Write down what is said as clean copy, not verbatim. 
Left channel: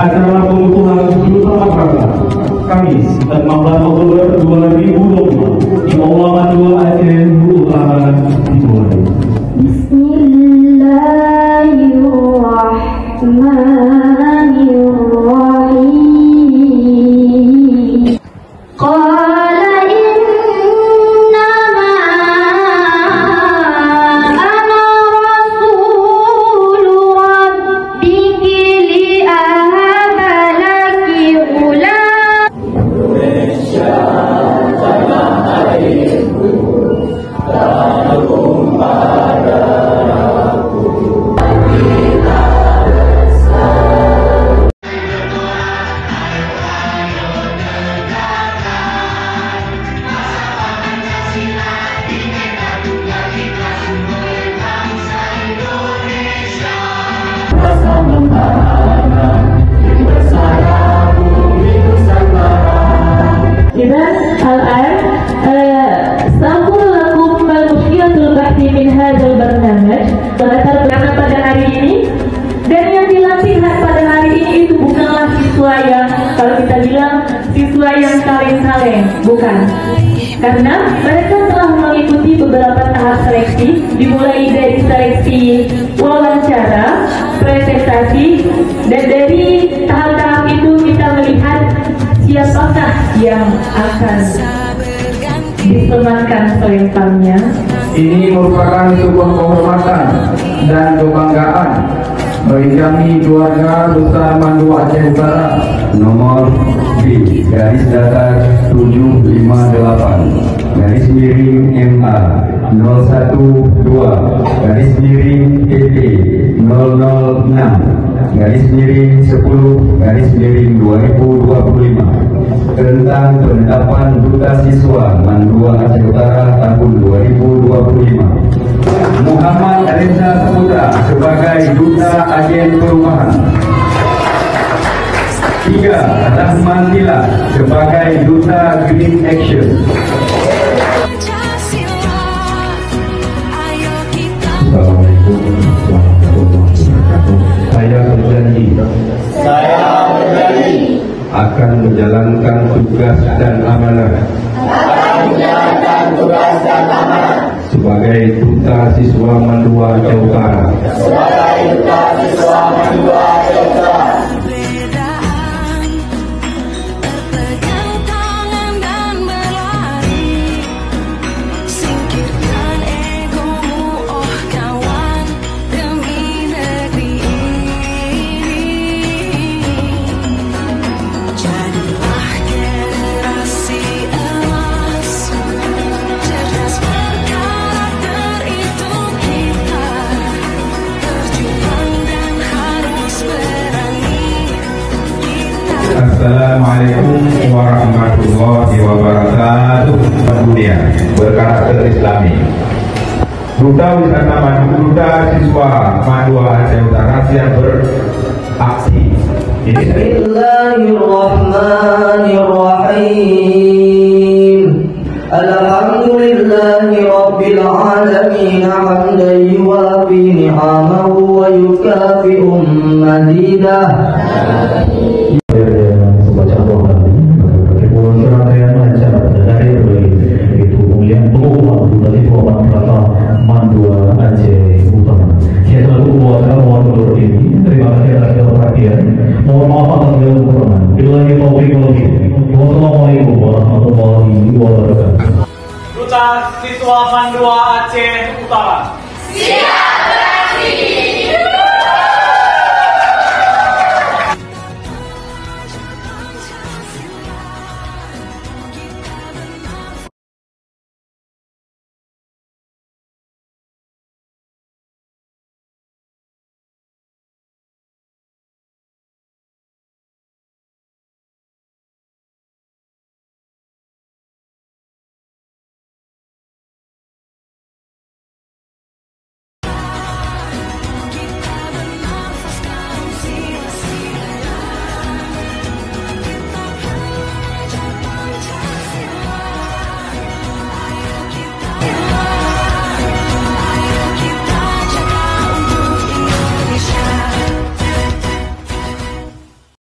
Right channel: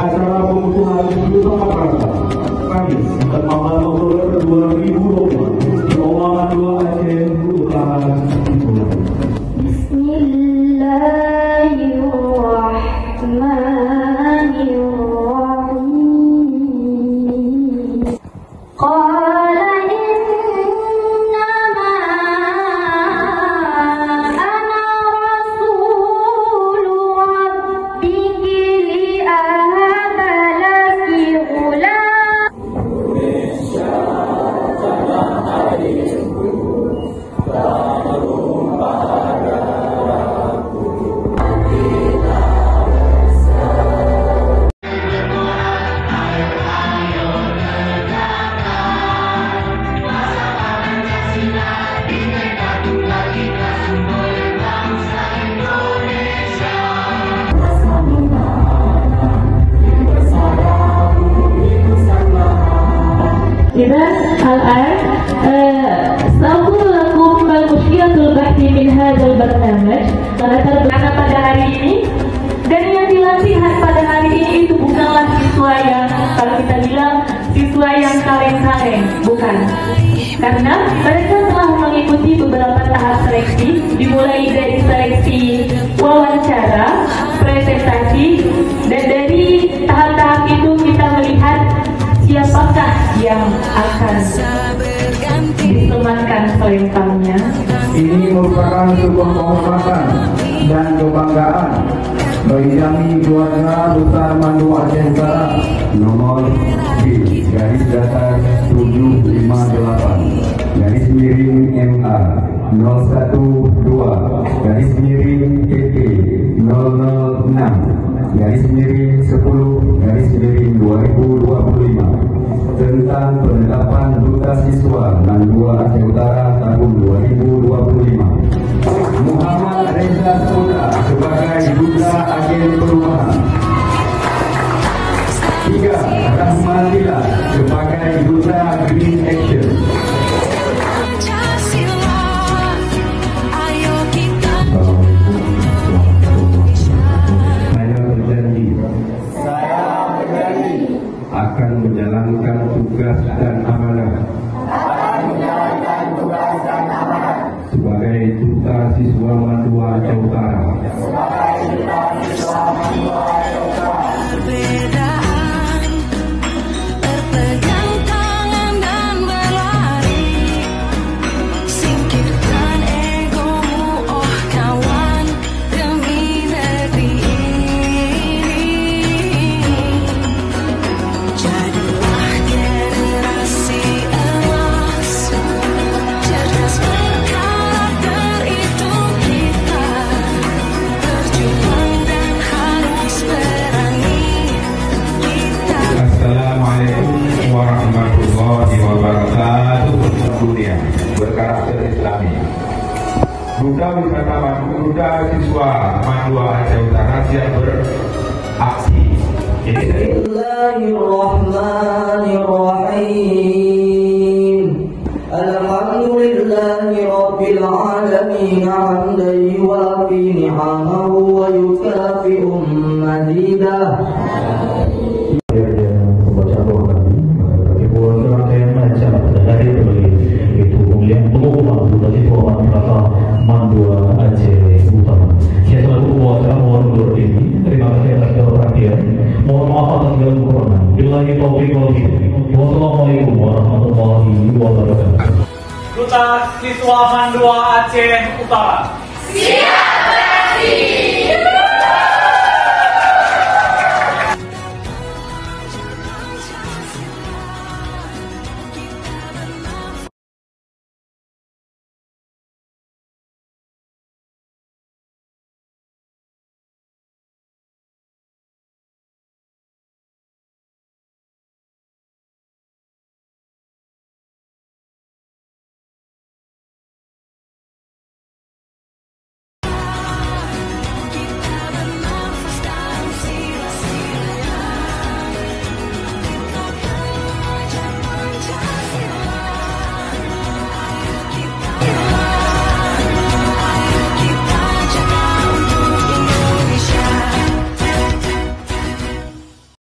acara pengukuhan bersama Praga Kamis 16 Oktober 2020 di Aula Mandua Aceh Utara dimulai. Bismillahirrahmanirrahim. الآن سأقول لكم مشكلة البحث من هذا البرنامج. Latar belakang pada hari ini, dan yang dilatihkan pada hari ini itu bukanlah siswa yang, kalau kita bilang siswa yang kaleng-kaleng, bukan. Karena mereka telah mengikuti beberapa tahap seleksi, dimulai dari seleksi wawancara, presentasi, dan dari tahap-tahap itu kita melihat siapakah yang akan disematkan selenggangnya. Ini merupakan sebuah penghormatan dan kebanggaan bagi kami keluarga Besar Mandua Aceh Utara. Nomor B garis datar 758 garis miring MA 012 garis miring PP 006 garis miring 10 garis miring 2025 tentang penetapan duta siswa Mandua Aceh Utara tahun 2025. Muhammad Reza Saputra sebagai duta agen perumahan. 3. Rahman Tila sebagai duta Green Action. Saya berjanji akan menjalankan tugas dan amanah sebagai duta siswa Mandua Aceh Utara. Assalamualaikum warahmatullahi wabarakatuh. Kemudian berkarakter Islami. Duta Wisata Mandua, Duta Siswa Mandua Aceh Utara siap beraksi. Bismillahirrahmanirrahim. Alhamdulillahi rabbil alamin hamdan yuwafi ni'amahu wa yukafi'u mazidah. Mandua Aceh Utara. Saya selalu mohon undur diri. Terima kasih atas segala perhatian. Mohon maaf atas segala kekurangan. Billahi taufiq wal hidayah. Wassalamualaikum warahmatullahi wabarakatuh. Duta Siswa Mandua Aceh Utara. Siap beraksi.